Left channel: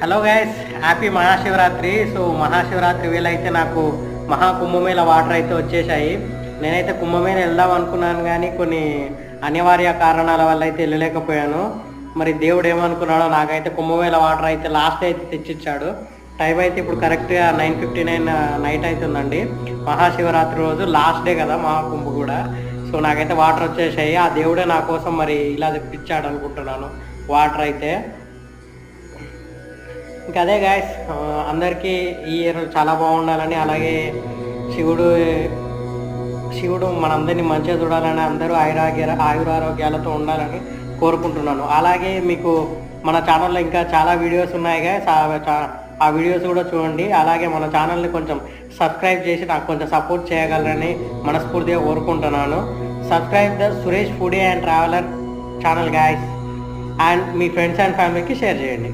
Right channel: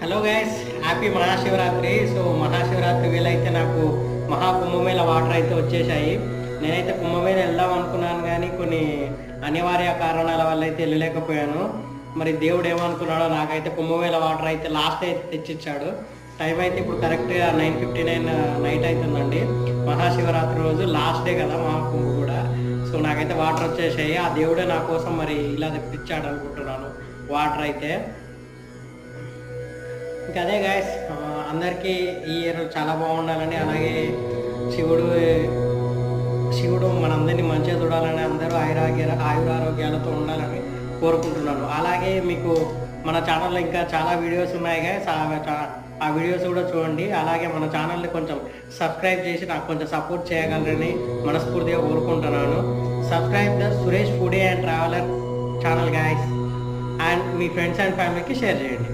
Hello guys, happy Mahashivratri. So Mahashivratri వేళ అయితే నాకు మహాకుంభమేళ వాటర్ అయితే వచ్చేసాయి. నేనైతే కుంభమేళ వెళ్దాం అనుకున్నాను, కానీ కొన్ని అనివార్య కారణాల వల్ల అయితే వెళ్ళలేకపోయాను. మరి దేవుడు ఏమనుకున్నాడో, నాకైతే కుంభమేళ వాటర్ అయితే లాస్ట్ అయితే తెచ్చిచ్చాడు. టైం అయితే ఇప్పుడు కరెక్ట్గా 9:59 నైట్ అవుతుందండి. మహాశివరాత్రి రోజు లాస్ట్ డే కదా మహాకుంభ కూడా. సో నాకైతే వాటర్ వచ్చేసాయి. ఆ దేవుడే నా కోసం మరి ఇలా తెప్పించాడు అనుకుంటున్నాను వాటర్ అయితే. ఇంకా అదే గాయస్, అందరికీ ఈ ఇయర్ చాలా బాగుండాలని, అలాగే శివుడు మనందరినీ మంచిగా చూడాలని, అందరూ ఆయురారోగ్యాలతో ఉండాలని కోరుకుంటున్నాను. అలాగే మీకు మన ఛానల్లో ఇంకా చాలా వీడియోస్ ఉన్నాయి గాయస్, ఆ వీడియోస్ కూడా చూడండి. అలాగే మన ఛానల్ని కొంచెం సబ్స్క్రైబ్ చేసి నాకు కొంచెం సపోర్ట్ చేయగలరని మనస్ఫూర్తిగా కోరుకుంటున్నాను. Subscribe the Suresh foodie and traveller channel guys, and me friends and ఫ్యామిలీకి షేర్ చేయండి.